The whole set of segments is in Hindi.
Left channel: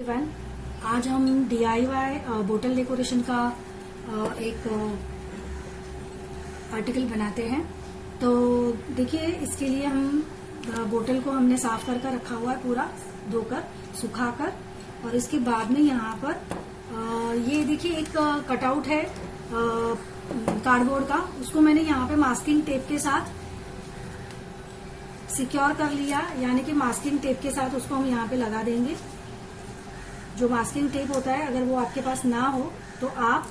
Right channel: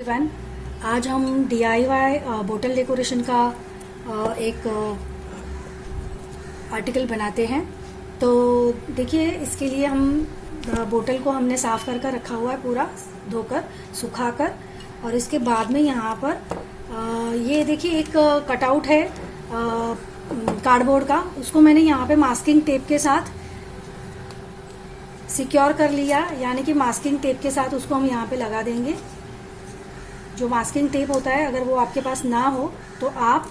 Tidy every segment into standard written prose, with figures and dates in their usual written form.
इवन आज हम DIY बोतल डेकोरेशन का एक आर्टिकल बनाते हैं। तो देखिए, इसके लिए हम बोतल को हमने साफ कर रखा हुआ है, पूरा धोकर सुखाकर। और इसके बाद में यहाँ पर ये देखिए एक कटआउट है कार्डबोर्ड का, उसको मैंने यहाँ पे मास्किंग टेप के साथ सिक्योर कर लिया। यानी कि मास्किंग टेप के साथ उसको हम यहाँ पे लगा देंगे। जो मास्किंग टेप होता है, अगर वो आपके पास ना हो तो आप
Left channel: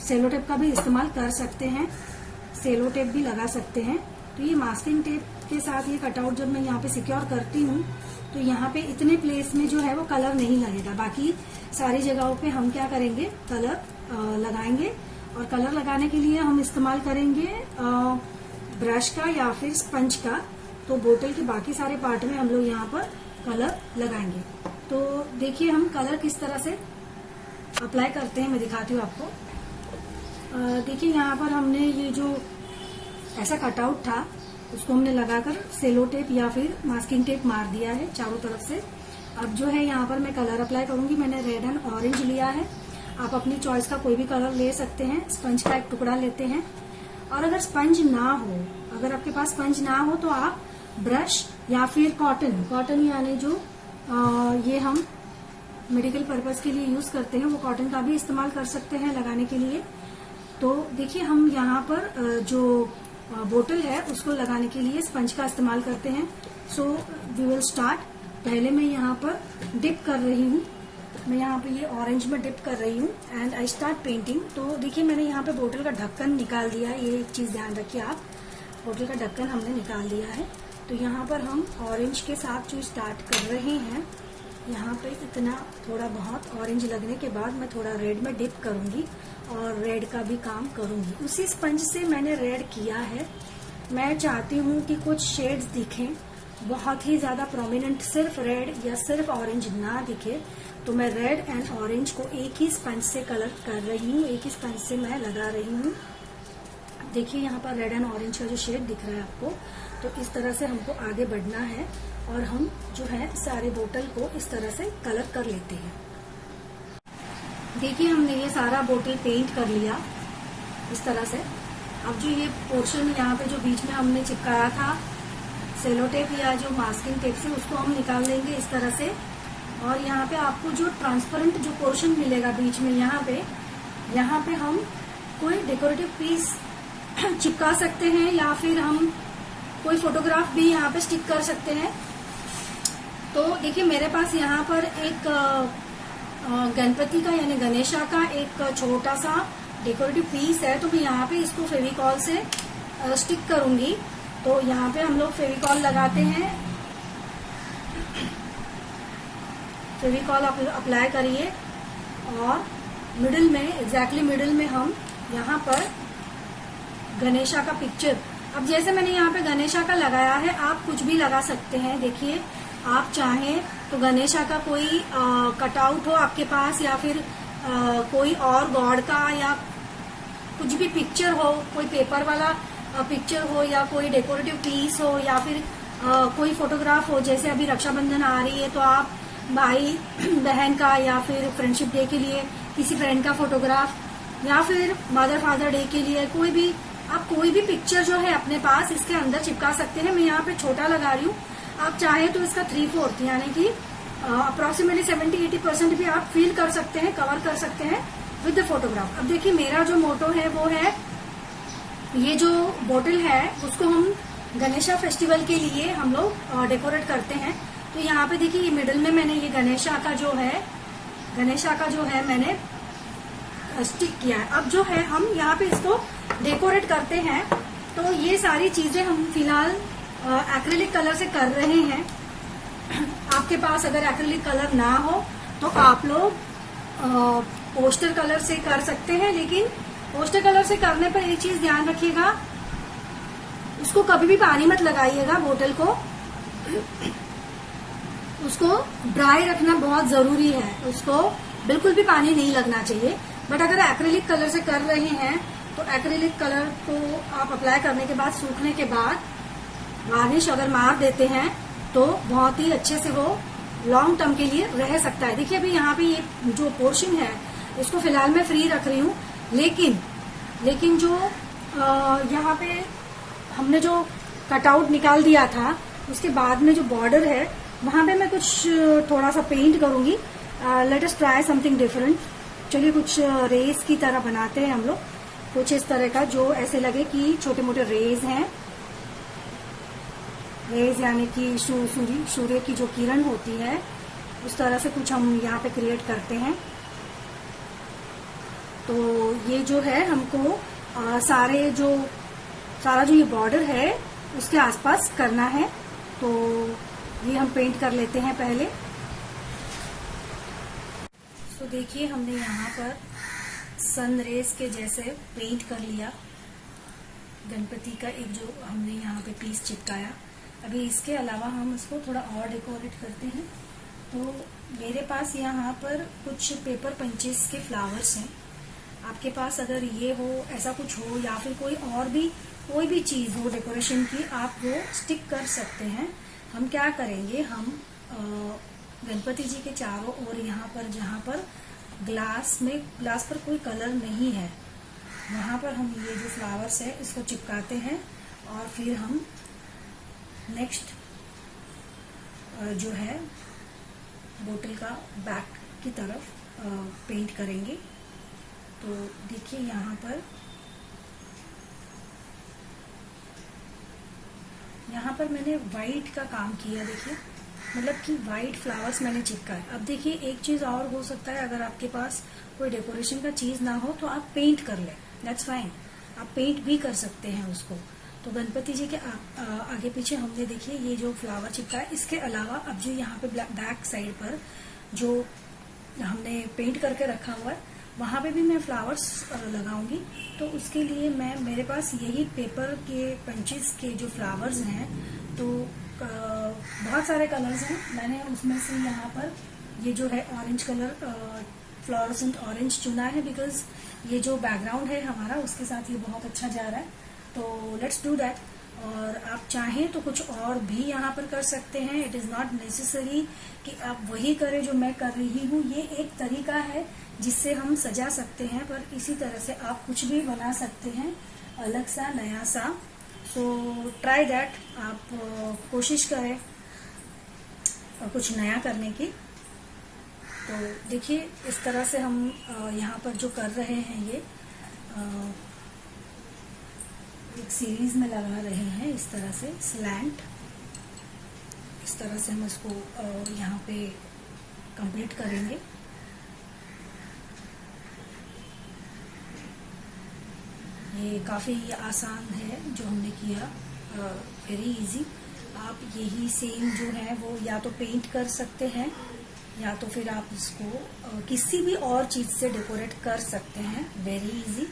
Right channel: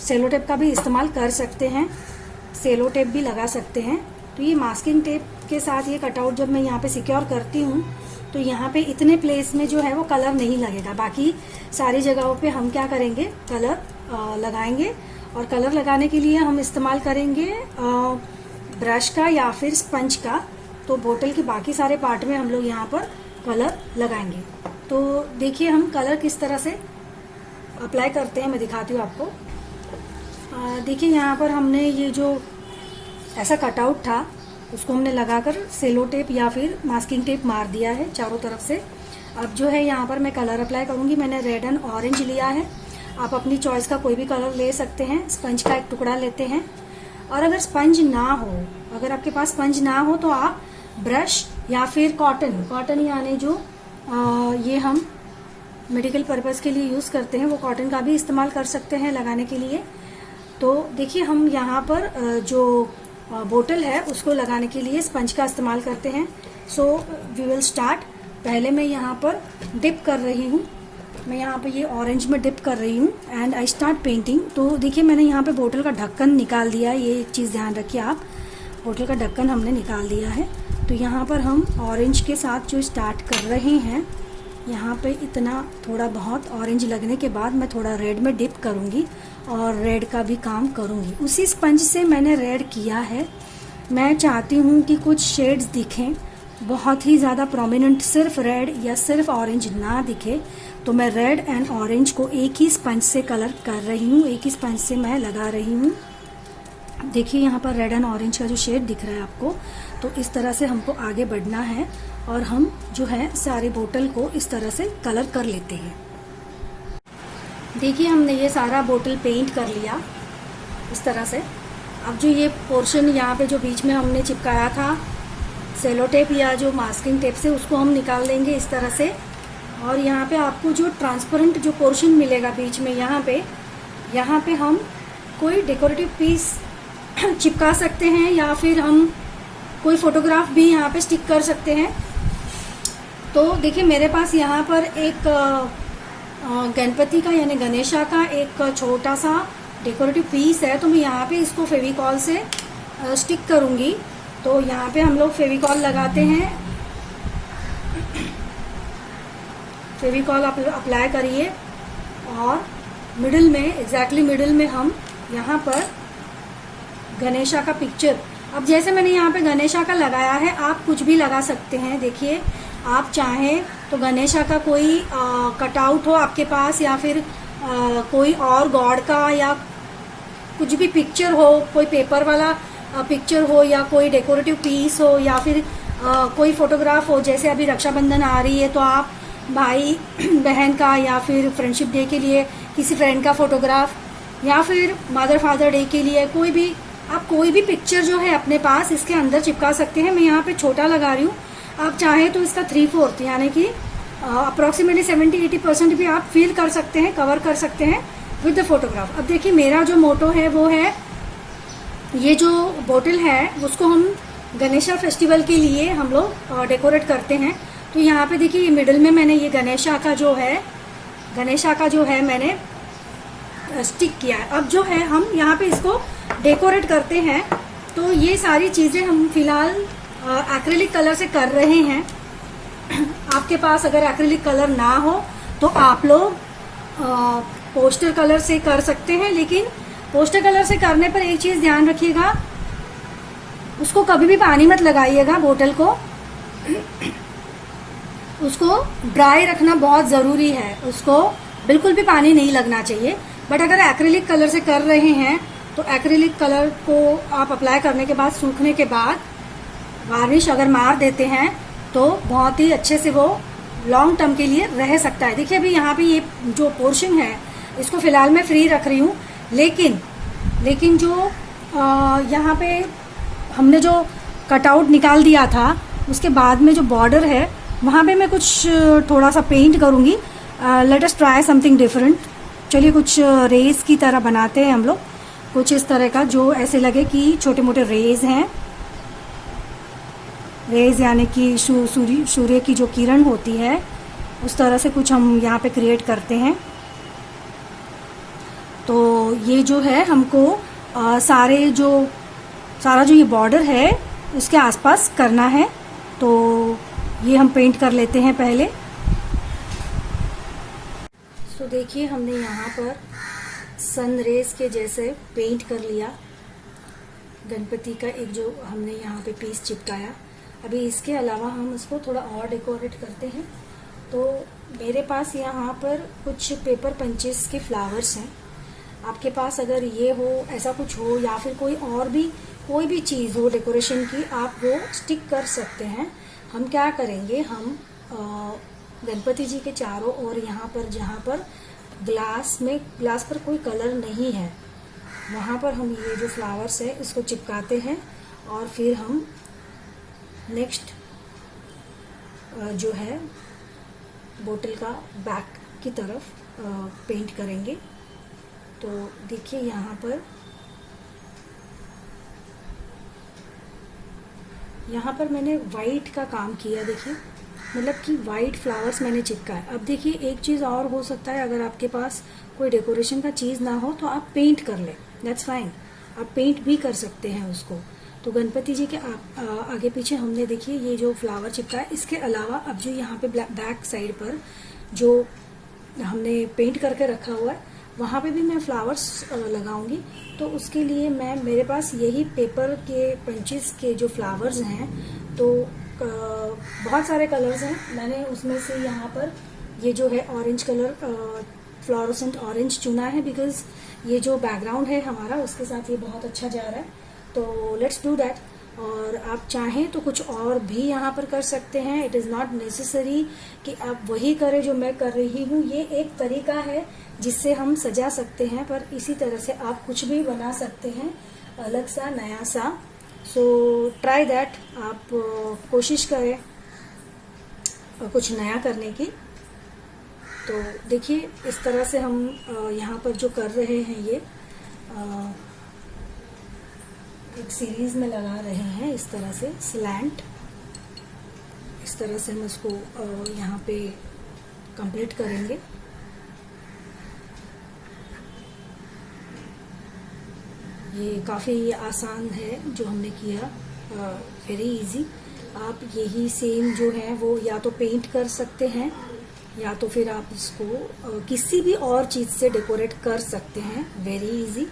सेलो टेप का भी इस्तेमाल कर सकते हैं, सेलो टेप भी लगा सकते हैं। तो ये मास्किंग टेप के साथ ये कटआउट जब मैं यहाँ पे सिक्योर करती हूँ तो यहाँ पे इतने प्लेस में जो है वो कलर नहीं लगेगा। बाकी सारी जगहों पे हम क्या करेंगे, कलर लगाएंगे। और कलर लगाने के लिए हम इस्तेमाल करेंगे ब्रश का या फिर स्पंज का। तो बोतल के बाकी सारे पार्ट में हम लोग यहाँ पर कलर लगाएंगे। तो देखिए हम कलर किस तरह से अप्लाई करते हैं, मैं दिखाती हूँ आपको। देखिए यहाँ पर हमने ये जो ऐसा कटआउट था उसको हमने लगाकर सेलो टेप या फिर मास्किंग टेप मार दिया है चारों तरफ से। अब जो है यहाँ पर मैं कलर अप्लाई करूँगी। मैंने रेड एंड ऑरेंज लिया है, आप अपनी चॉइस का कोई भी कलर ले सकते हैं। स्पंज का एक टुकड़ा लेते हैं। और अगर स्पंज ना हो, अगर आपके पास स्पंज ना हो तो आप ब्रश या फिर कॉटन यानी जो ये हम मेडिकल पर्पस के लिए यूज़ करते हैं, वो कॉटन का भी इस्तेमाल कर सकते हैं लगाने के लिए। तो देखिए हम यहाँ पर जो बोतल है उसको लगाने के लिए स्पंज का इस्तेमाल करते हैं। So we will start. पहले मैं यहाँ पर डिप कर रही हूँ, मैं यहाँ पे ये ऑरेंज में डिप कर रही हूँ एंड आई स्टार्ट पेंटिंग। तो देखिए मैंने यहाँ पे बोतल का ढक्कन निकाल दिया है, ये एक चीज़ ध्यान रखिए आप, बोतल का ढक्कन हमने निकाल दिया है। तो यहाँ पर हम ऑरेंज के साथ जो स्टार्ट कर रहे हैं, यहाँ पे इतना थोड़ा बहुत ऑरेंज लगने के बाद मैं थोड़ा रेड में डिप करूँगी और रेड का भी काम करूँगी। उसी स्पंज से मैंने रेड किया है। मैं चाहती हूँ कि कुछ शेड्स दिखें, बहुत ही ज़्यादा प्रोमिनेंट सिर्फ रेड या सिर्फ ऑरेंज ना दिखे। तो मैं रेड एंड ऑरेंज को एक ही स्पंज से कलर कर रही हूँ, एक ही स्पंज से मैं लगा रही हूँ। देखिए यहाँ पर रेड एंड ऑरेंज का जो शेड दिख रहा है आपको, तो इस तरह से हमको आगे बढ़ना है और हम जो है सारे बोतल को इस तरह से कलर कर लेते हैं। देखिए हमने ये सारा बोतल पेंट कर लिया इस तरह से। अब जो ये पोर्शन यहाँ पे जो बीच में हमने चिपकाया था सेलो टेप या जो मास्किंग टेप से, उसको हम निकाल देंगे इस तरह से। और यहाँ पे आपको जो ट्रांसपेरेंट जो पोर्शन मिलेगा बीच में, यहाँ पे हम कोई डेकोरेटिव पीस चिपका सकते हैं या फिर हम कोई फोटोग्राफ भी यहाँ पे स्टिक कर सकते हैं। तो देखिए मेरे पास यहाँ पर एक गणपति का यानी गणेशा का एक छोटा सा डेकोरेटिव पीस है। तो मैं यहाँ पे इसको फेविकॉल से स्टिक करूँगी। तो यहाँ पे हम लोग फेविकॉल लगाते हैं, फेविकॉल अप्लाई करिए और मिडिल में, एग्जैक्टली मिडिल में हम यहाँ पर गणेशा का पिक्चर, अब जैसे मैंने यहाँ पे गणेशा का लगाया है, आप कुछ भी लगा सकते हैं। देखिए आप चाहें तो गणेशा का कोई कटआउट हो आपके पास या फिर कोई और गॉड का या कुछ भी पिक्चर हो, कोई पेपर वाला पिक्चर हो या कोई डेकोरेटिव पीस हो या फिर कोई फोटोग्राफ हो। जैसे अभी रक्षाबंधन आ रही है तो आप भाई बहन का या फिर फ्रेंडशिप डे के लिए किसी फ्रेंड का फोटोग्राफ या फिर मदर फादर डे के लिए कोई भी, आप कोई भी पिक्चर जो है अपने पास इसके अंदर चिपका सकते हैं। मैं यहाँ पे छोटा लगा रही हूँ, आप चाहें तो इसका 3/4 यानी कि अप्रोक्सीमेटली 70-80% भी आप फील कर सकते हैं, कवर कर सकते हैं विद द फोटोग्राफ। अब देखिए मेरा जो मोटो है वो है, ये जो बोतल है उसको हम गणेशा फेस्टिवल के लिए हम लोग डेकोरेट करते हैं। तो यहाँ पे देखिए ये मिडिल में मैंने ये गणेशा का जो है मैंने स्टिक किया है। अब जो है हम यहाँ पे इसको डेकोरेट करते हैं। तो ये सारी चीजें हम फिलहाल एक्रिलिक कलर से कर रहे हैं। आपके पास अगर एक्रिलिक कलर ना हो तो आप लोग पोस्टर कलर से कर सकते हैं। लेकिन पोस्टर कलर से करने पर एक चीज ध्यान रखिएगा, उसको कभी भी पानी मत लगाइएगा, बोतल को उसको ड्राई रखना बहुत जरूरी है, उसको बिल्कुल भी पानी नहीं लगना चाहिए। बट अगर एक्रिलिक कलर से कर रहे हैं तो एक्रिलिक कलर को आप अप्लाई करने के बाद, सूखने के बाद वार्निश अगर मार देते हैं तो बहुत ही अच्छे से वो लॉन्ग टर्म के लिए रह सकता है। देखिए अभी यहाँ पे ये जो पोर्शन है इसको फिलहाल मैं फ्री रख रही हूँ, लेकिन जो यहाँ पे हमने जो कटआउट निकाल दिया था उसके बाद में जो बॉर्डर है वहाँ पे मैं कुछ थोड़ा सा पेंट करूँगी। Let us try something different. चलिए कुछ रेस की तरह बनाते हैं हम लोग, कुछ इस तरह का जो ऐसे लगे कि छोटे मोटे रेज हैं। रेज यानी कि सूर्य की जो किरण होती है उस तरह से कुछ हम यहाँ पे क्रिएट करते हैं। तो ये जो है हमको सारा जो ये बॉर्डर है उसके आसपास करना है। तो ये हम पेंट कर लेते हैं पहले। तो देखिए हमने यहाँ पर सन रेज के जैसे पेंट कर लिया गणपति का एक जो हमने यहाँ पे पीस चिपकाया। अभी इसके अलावा हम इसको थोड़ा और डेकोरेट करते हैं। तो मेरे पास यहाँ पर कुछ पेपर पंचेस के फ्लावर्स हैं। आपके पास अगर ये हो, ऐसा कुछ हो, या फिर कोई भी चीज़ हो डेकोरेशन की, आप वो स्टिक कर सकते हैं। हम क्या करेंगे, हम गणपति जी के चारों ओर यहाँ पर जहाँ पर ग्लास पर कोई कलर नहीं है वहाँ पर हम ये जो फ्लावर्स है इसको चिपकाते हैं और फिर हम नेक्स्ट जो है बोतल का बैक की तरफ पेंट करेंगे। तो देखिए यहाँ पर मैंने वाइट का काम किया। देखिए मतलब कि वाइट फ्लावर्स मैंने चिपकाया। अब देखिए एक चीज़ और हो सकता है, अगर आपके पास कोई डेकोरेशन का चीज़ ना हो तो आप पेंट कर लें, दैट्स फाइन, आप पेंट भी कर सकते हैं उसको। तो गणपति जी के आगे पीछे हमने देखिए ये जो फ्लावर चिपकाया। इसके अलावा अब जो यहाँ पे बैक साइड पर जो हमने पेंट करके रखा हुआ है वहाँ पे भी मैं फ्लावर्स लगाऊंगी। तो उसके लिए मेरे पास यही पेपर के पंचेस के जो फ्लावर्स हैं, तो बहुत सारे कलर्स हैं। मैंने उसमें से यहाँ पर ये जो है ऑरेंज कलर, फ्लोरोसेंट ऑरेंज चुना है, बिकॉज ये जो बैकग्राउंड है हमारा उसके साथ ये बहुत अच्छा जा रहा है। तो लेट्स डू दैट। और आप चाहें तो कुछ और भी यहाँ पर कर सकते हैं। इट इज़ नॉट नेसेसरी कि आप वही करें जो मैं कर रही हूँ। ये एक तरीका है जिससे हम सजा सकते हैं, पर इसी तरह से आप कुछ भी बना सकते हैं अलग सा, नया सा। सो ट्राई दैट, आप कोशिश करें कुछ नया करने की। तो देखिए इस तरह से हम यहाँ पर जो कर रहे हैं ये एक सीरीज में लगा रहे हैं इस तरह से स्लैंट। इस तरह से हम इसको यहाँ पे कंप्लीट करेंगे। ये काफ़ी आसान है जो हमने किया, वेरी इजी। आप यही सेम जो है वो या तो पेंट कर सकते हैं या तो फिर आप इसको किसी भी और चीज़ से डेकोरेट कर सकते हैं, वेरी इजी।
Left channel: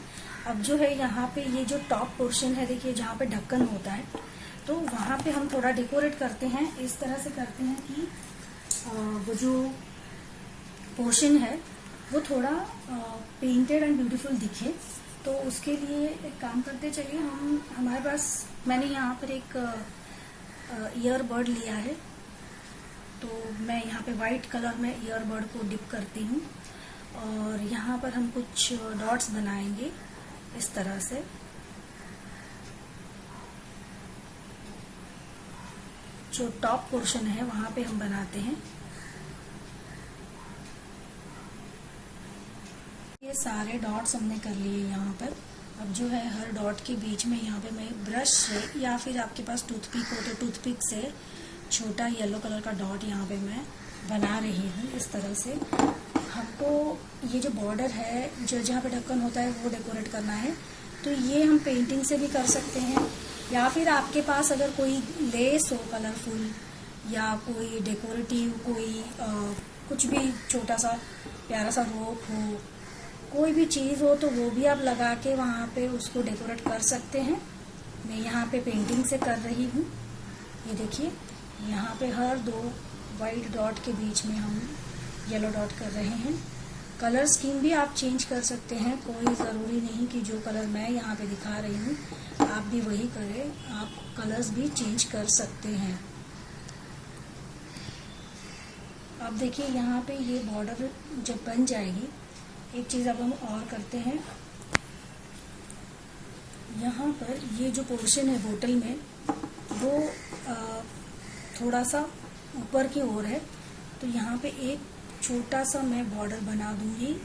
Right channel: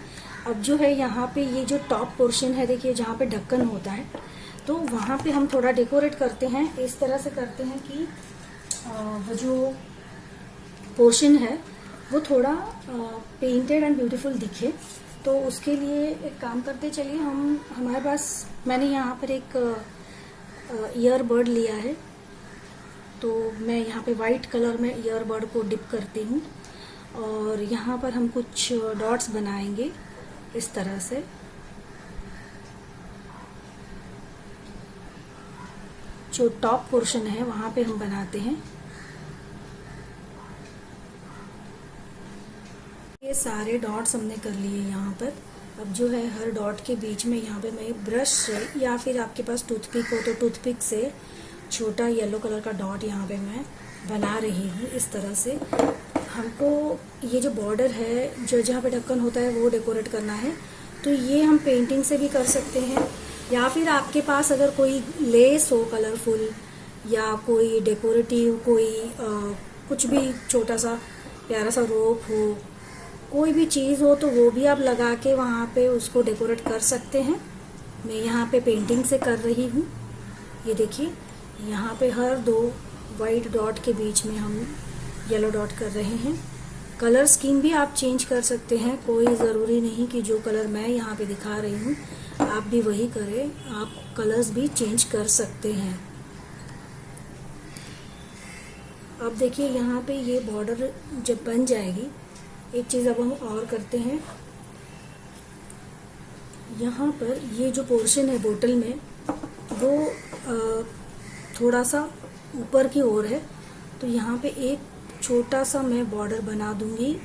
अब जो है यहाँ पे ये जो टॉप पोर्शन है, देखिए जहाँ पे ढक्कन होता है, तो वहाँ पे हम थोड़ा डेकोरेट करते हैं। इस तरह से करते हैं कि वो जो पोर्शन है वो थोड़ा पेंटेड एंड ब्यूटीफुल दिखे। तो उसके लिए एक काम करते चलिए, हमारे पास मैंने यहाँ पर एक ईयरबड लिया है। तो मैं यहाँ पे वाइट कलर में ईयरबड को डिप करती हूँ और यहाँ पर हम कुछ डॉट्स बनाएंगे इस तरह से। जो टॉप पोर्शन है वहाँ पे हम बनाते हैं। ये सारे डॉट्स हमने कर लिए यहाँ पर। अब जो है हर डॉट के बीच में यहाँ पे मैं ब्रश से या फिर आपके पास टूथपिक हो तो टूथपिक से छोटा येलो कलर का डॉट यहाँ पे मैं बना रही हूँ। इस तरह से हमको ये जो बॉर्डर है जो जहाँ पे ढक्कन होता है वो डेकोरेट करना है। तो ये हम पेंटिंग से भी कर सकते हैं, या फिर आपके पास अगर कोई लेस हो कलरफुल या कोई डेकोरेटिव कुछ भी छोटा सा प्यारा सा रोप हो, कोई भी चीज़ हो तो वो भी आप लगा के वहाँ पे उसको डेकोरेट कर सकते हैं। मैं यहाँ पे पेंटिंग से कर रही हूँ। ये देखिए यहाँ पे हर दो वाइट डॉट के बीच में हम येलो डॉट कर रहे हैं। कलर स्कीम भी आप चेंज कर सकते हैं, कोई ज़रूरी नहीं कि जो कलर मैं यहाँ पे दिखा रही हूँ आप भी वही करें, आप कलर्स भी चेंज कर सकते हैं। अब देखिए यहाँ पे ये बॉर्डर जब बन जाएगी, एक चीज़ अब हम और करते हैं, यहाँ पर ये जो पोर्शन है बोतल में वो थोड़ा सा ऊपर की ओर है, तो यहाँ पे एक छोटा सा मैं बॉर्डर बना दूंगी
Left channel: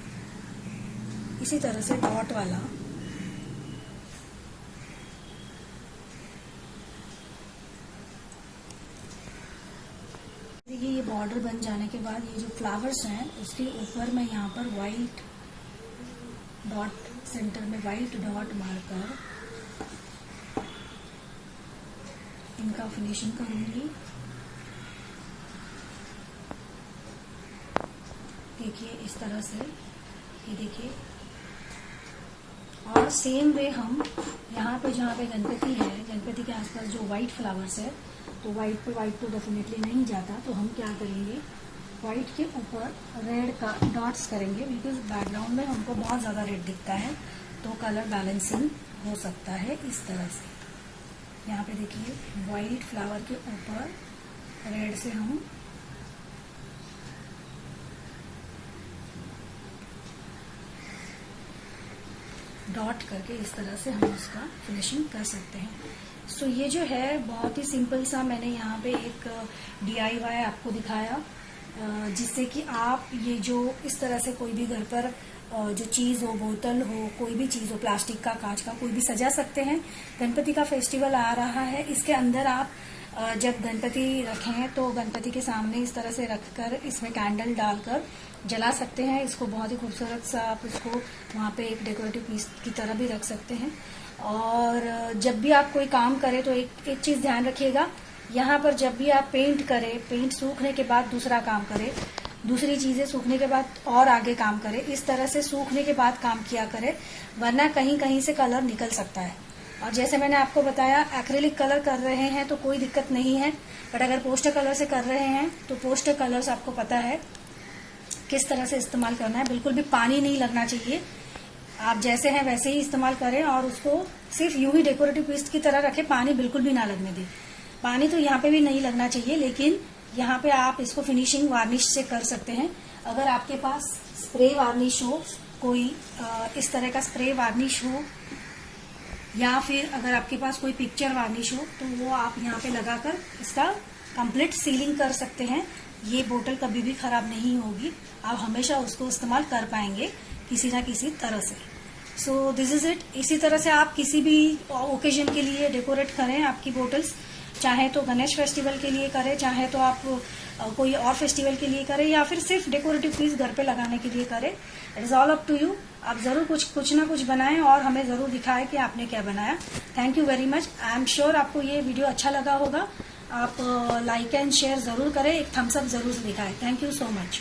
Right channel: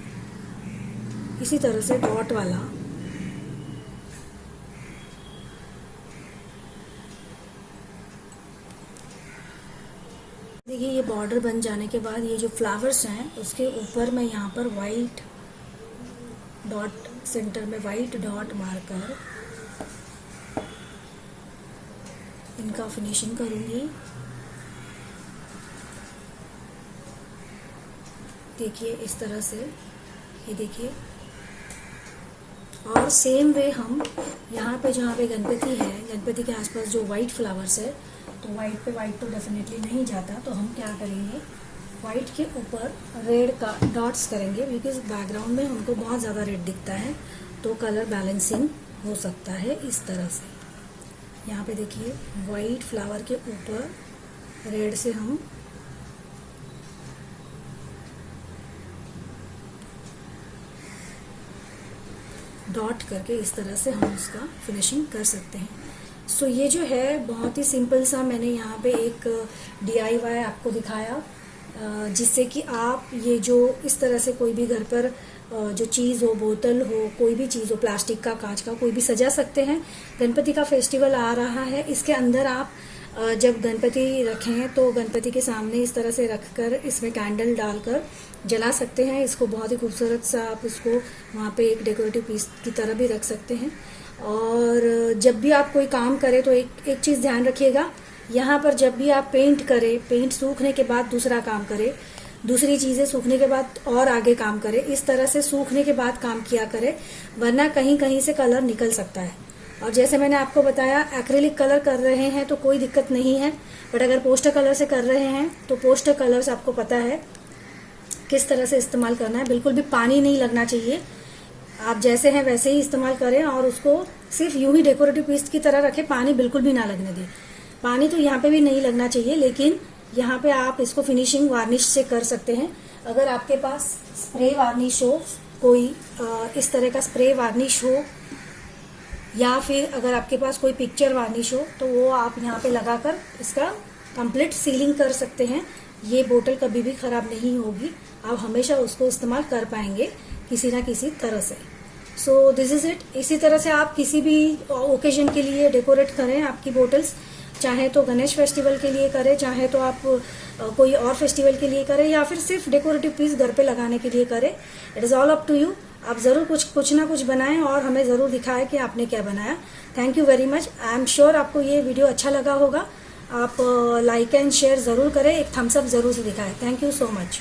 इसी तरह से डॉट वाला। देखिए ये बॉर्डर बन जाने के बाद ये जो फ्लावर्स हैं उसके ऊपर मैं यहाँ पर वाइट डॉट, सेंटर में वाइट डॉट मारकर इनका फिनिशिंग करूँगी। देखिए इस तरह से, ये देखिए। और सेम वे हम यहाँ पे जहाँ पे गणपति है, गणपति के आसपास जो वाइट फ्लावर्स है, तो वाइट पे वाइट तो डेफिनेटली नहीं जाता, तो हम क्या करेंगे, वाइट के ऊपर रेड का डॉट्स करेंगे, बिकॉज बैकग्राउंड में हमको बहुत ज़्यादा रेड दिखता है, तो कलर बैलेंसिंग हो सकता है इस तरह से। यहाँ पे देखिए वाइट फ्लावर के ऊपर रेड से हम डॉट करके इस तरह से हम उसका फिनिशिंग कर सकते हैं। सो ये जो है बहुत ही सिंपल सा मैंने यहाँ पे एक DIY आपको दिखाया, जिससे कि आप ये जो इस तरह से कोई भी घर पर जो चीज़ हो, बोतल हो, कोई भी चीज़ हो, प्लास्टिक का, कांच का, कोई भी सजा सकते हैं। गणपति का फेस्टिवल आ रहा है, इसके अंदर आप जब गणपति रखें तो गणपति के सामने इस तरह से रखकर इसमें कैंडल डालकर जला सकते हैं। इसको बहुत ही खूबसूरत सा आप इसको वहाँ पे एक डेकोरेटिव पीस की तरह भी रख सकते हैं। और जब भी आप कोई काम करें तो एक चीज़ ध्यान रखिएगा, यहाँ पर जब भी आप पेंट करें, पेंट सूखने के बाद दूसरा काम करें, दूसरी चीज़ें सूखने के बाद और आगे काम करें, इस तरह से सूखने के बाद काम किया करें, वरना कहीं कहीं से कलर निकल सकता है। और जैसे मैंने आपको बताया, एक्रिलिक कलर कर रहे हैं तो कोई दिक्कत नहीं है, बट अगर पोस्टर कलर से कर रहे हैं तो पोस्टर कलर्स आपको पता है किस तरह से इस्तेमाल करना है। बिल्कुल भी पानी नहीं लगना चाहिए, आप जैसे हैं वैसे ही इस्तेमाल करें और उसको सिर्फ यूं ही डेकोरेटिव पीस की तरह रखें, पानी बिल्कुल भी ना लगने दें। पानी तो यहाँ पे भी नहीं लगना चाहिए, लेकिन यहाँ पे आप इसको फिनिशिंग वार्निश से कर सकते हैं। अगर आपके पास स्प्रे वार्निश हो, कोई इस तरह का स्प्रे वार्निश हो, या फिर अगर आपके पास कोई पिक्चर वार्निश हो, तो वो आप यहाँ पे लगाकर इसका कंप्लीट सीलिंग कर सकते हैं। ये बोतल कभी भी खराब नहीं होगी, आप हमेशा उसको इस्तेमाल कर पाएंगे किसी ना किसी तरह से। So this is it. इसी तरह से आप किसी भी ओकेजन के लिए डेकोरेट करें आपकी बोटल्स, चाहे तो गणेश फेस्टिवल के लिए करें, चाहे तो आप कोई और फेस्टिवल के लिए करें, या फिर सिर्फ डेकोरेटिव पीस घर पे लगाने के लिए करें। It is all up to you. आप ज़रूर कुछ ना कुछ बनाएं और हमें ज़रूर दिखाएं कि आपने क्या बनाया। Thank you very much. I am sure आपको ये वीडियो अच्छा लगा होगा। आप लाइक एंड शेयर ज़रूर करें, एक थम्स अप ज़रूर से दिखाएं। Thank you so much.